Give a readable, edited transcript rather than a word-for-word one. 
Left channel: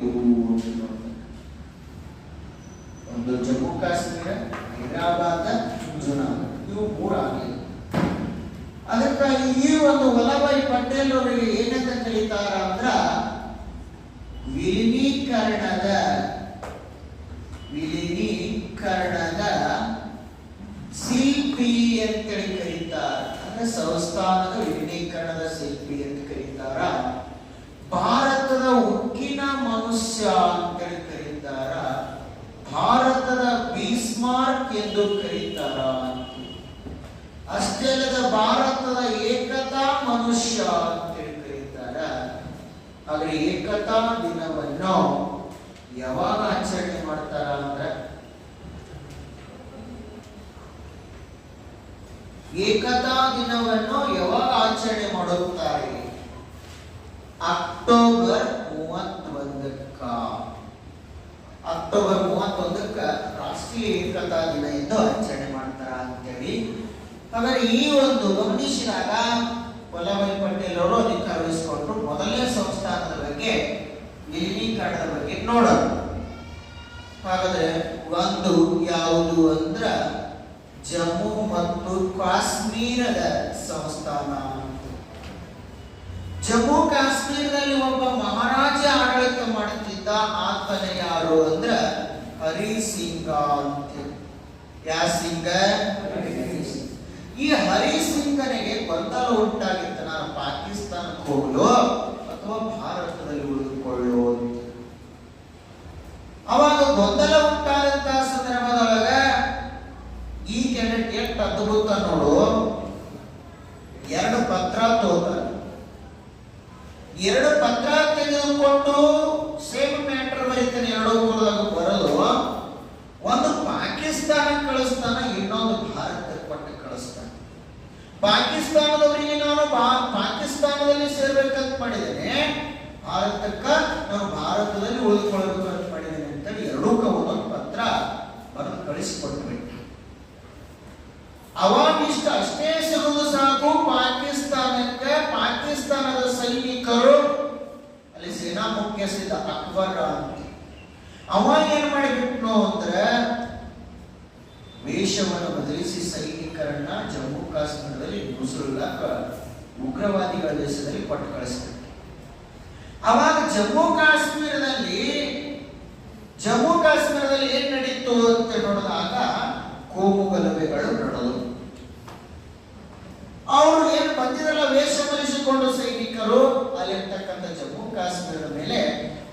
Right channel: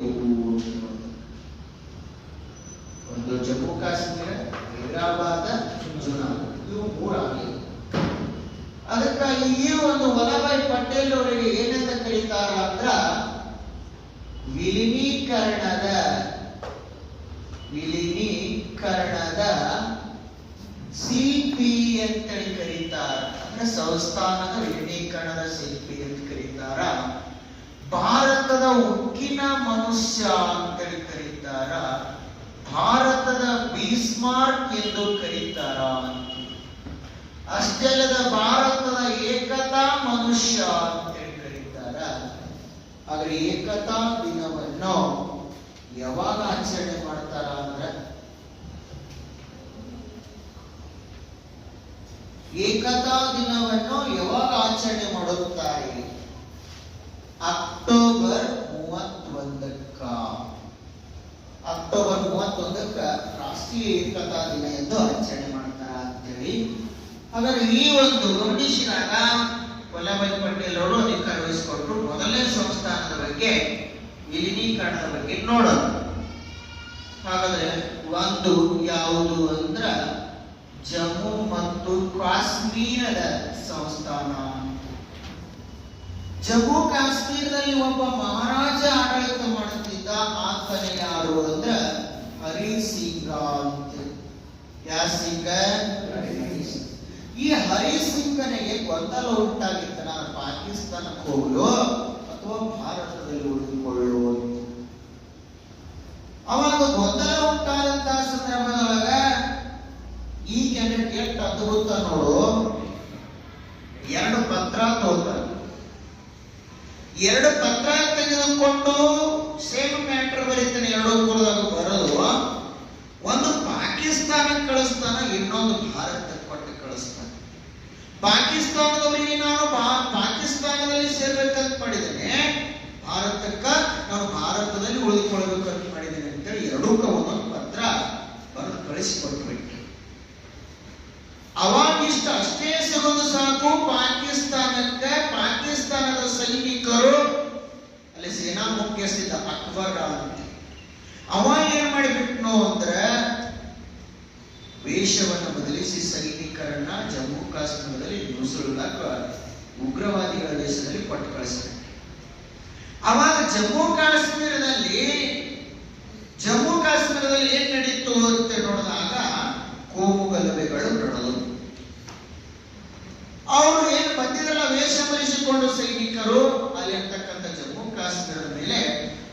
ಒಂದು ಜಮ್ಮು ಕಾಶ್ಮೀರ, ಹೈದರಾಬಾದ, ಜುನಾಗಢ, ಇವು ಮೂರಾಗಲಿ. ಅದಕ್ಕಾಗಿ ಈ ಒಂದು ವಲ್ಲಭಾಯಿ ಪಟೇಲ್ ಅವರಿಗೆ ಏನಂತ ಕರೀತಾರ ಅಂದ್ರ ವಿಲೀನೀಕರಣದ ಶಿಲ್ಪಿ ಅಂತೇಳಿ ಕರೀತಾರ. ಅಂದ್ರೆ ಸಂಸ್ಥಾನದ ವಿಲೀನೀಕರಣದ ಶಿಲ್ಪಿ ಅಂತ ಕರೀತಾರ. ಭಾರತದ ಉಕ್ಕಿನ ಮನುಷ್ಯ ಅಂತೇಳಿ ಕರೀತಾರ. ಭಾರತದ ಬೀಸ್ಮಾರ್ಕ್ ಎಂದು ಕರೀತಾರ. ಅಷ್ಟೇ ಅಲ್ಲದ ಭಾರತದ ಏಕತಾ ಮನುಷ್ಯ ಅಂತೇಳಿ ಕರೀತಾರ. ಆದ್ರೆ ಏಕತಾ ದಿನವನ್ನು ಯಾವಾಗ ಆಚರಣೆ ಮಾಡ್ತಾರ ಅಂದ್ರೆ ಏಕತಾ ದಿನವನ್ನು ಯಾವಾಗ ಆಚರಣೆ ಮಾಡುತ್ತಾರೆ? ಅಕ್ಟೋಬರ್ 31ಕ್ಕ. ಅಕ್ಟೋಬರ್ 31ಕ್ಕ ರಾಷ್ಟ್ರೀಯ ಏಕತಾ ದಿನ ಎಂದು ಆಚರಣೆ ಮಾಡ್ತಾರ ಅಂತೇಳಿ. ಹಾಗಾದ್ರೆ ಈ ಒಂದು ಗಮನಿಸಿದಾಗ ವಲ್ಲಭಾಯಿ ಪಟೇಲ್ ಅವರು ಅಧಿಕಾರ ವಹಿಸಿಕೊಂಡ್ರು. ಮೊದಲನೇ ಸಂಸ್ಥಾನದ ಬಗ್ಗೆ, ವಿಲೀನೀಕರಣದ ಬಗ್ಗೆ ನೋಡೋಣ. ಹಾಗಾದ್ರೆ ಒಂದು ಯಾವುದು ಅಂದ್ರ ಜಮ್ಮು ಮತ್ತು ಕಾಶ್ಮೀರದ ಸಂಸ್ಥಾನ. ಜಮ್ಮು ಕಾಶ್ಮೀರದಲ್ಲಿ ಒಬ್ಬ ಮಹಾರಾಜ ಆಡಳಿತ ಮಾಡುತ್ತಿದ್ದ. ಆತನ ಯಾರು ಅಂದ್ರ ಹರಿ ಸಿಂಗ ಅಂತ. ಯಾ ಸಿಂಗ? ಈ ಹರಿ ಸಿಂಗನಿಗೆ ಗೊಂದಲ ಉಂಟಾಗಿತ್ತು, ನಾನು ಪಾಕಿಸ್ತಾನಕ್ಕೆ ಹೋಗಲು ಅಥವಾ ಭಾರತದಲ್ಲಿ ಉಳಿದುಕೊಳ್ಳು ಅಂತ. ಅವಾಗ ಗೊಂದಲ ಉಂಟಾದಂತಹ ಸಂದರ್ಭದೊಳಗ ಈ ಕ್ಯಾಂಡಿಡೇಟ್ ಎಷ್ಟು ಅದ್ಭುತ ನೋಡು, 2 ಪತ್ರ ತೋತಾರೆ. 2 ಪತ್ರ ತೆಗೆದುಕೊಂಡು ಸೇಮ್ ಮ್ಯಾಟರ್ ಬರೀತಾನೆ. 2 ಮೂರದಾಗ ಬರೋದು, ಒಂದು ಪಾಕಿಸ್ತಾನಕ್ಕೆ ಕಳಿಸ್ತಾನ, ಇನ್ನೊಂದು ಭಾರತಕ್ಕೆ ಕೊಟ್ಟು ಕಳಿಸ್ತಾನೆ. ಪಾಕಿಸ್ತಾನದವರಿಗೆ ನಾನು ಪಾಕಿಸ್ತಾನದಲ್ಲಿ ಸೇರ್ಬೇಕಂತ ಮಾಡಿದ್ದೇನೆ, ಭಾರತಕ್ಕ ನಾನು ಭಾರತದಲ್ಲಿ ಉಳಿದುಕೊಳ್ಬೇಕಂತ ಮಾಡಿದ್ದೇನೆ ಅಂತೇಳಿ 2ಕ್ಕ ಒಂದೊಂದು ಪತ್ರ ಬರೆದು ಕಳಿಸಿಕೊಟ್ಬಿಟ್ಟು ಅವಾಗಿಷ್ಟ ಅಷ್ಟೇ ಸಿಗೋದು ಸಾಕು. ಪಾಕಿಸ್ತಾನಕ್ಕೆ ಪಾಕಿಸ್ತಾನದ ಸೈನಿಕರು, ಅಲ್ಲಿ ಸೇನಾ ಮುಖ್ಯಸ್ಥ ಅಕ್ಬರ್ ಅಂತ, ಅವ ಏನ್ ಮಾಡಿಬಿಟ್ನು ಅಂದ್ರೆ ವೇಷವನ್ನು ಬದಲಿಸಿ ಸೈನಿಕರನ್ನ ಜಮ್ಮು ಕಾಶ್ಮೀರದಲ್ಲಿ ನುಸುಳುಗ ಉಗ್ರವಾದಿಗಳ ದೇಶದಲ್ಲಿ ಕೊಟ್ಟು ಕಳಿಸ್ಬಿಟ್ಟು. ಅವಾಗ ಜಮ್ಮು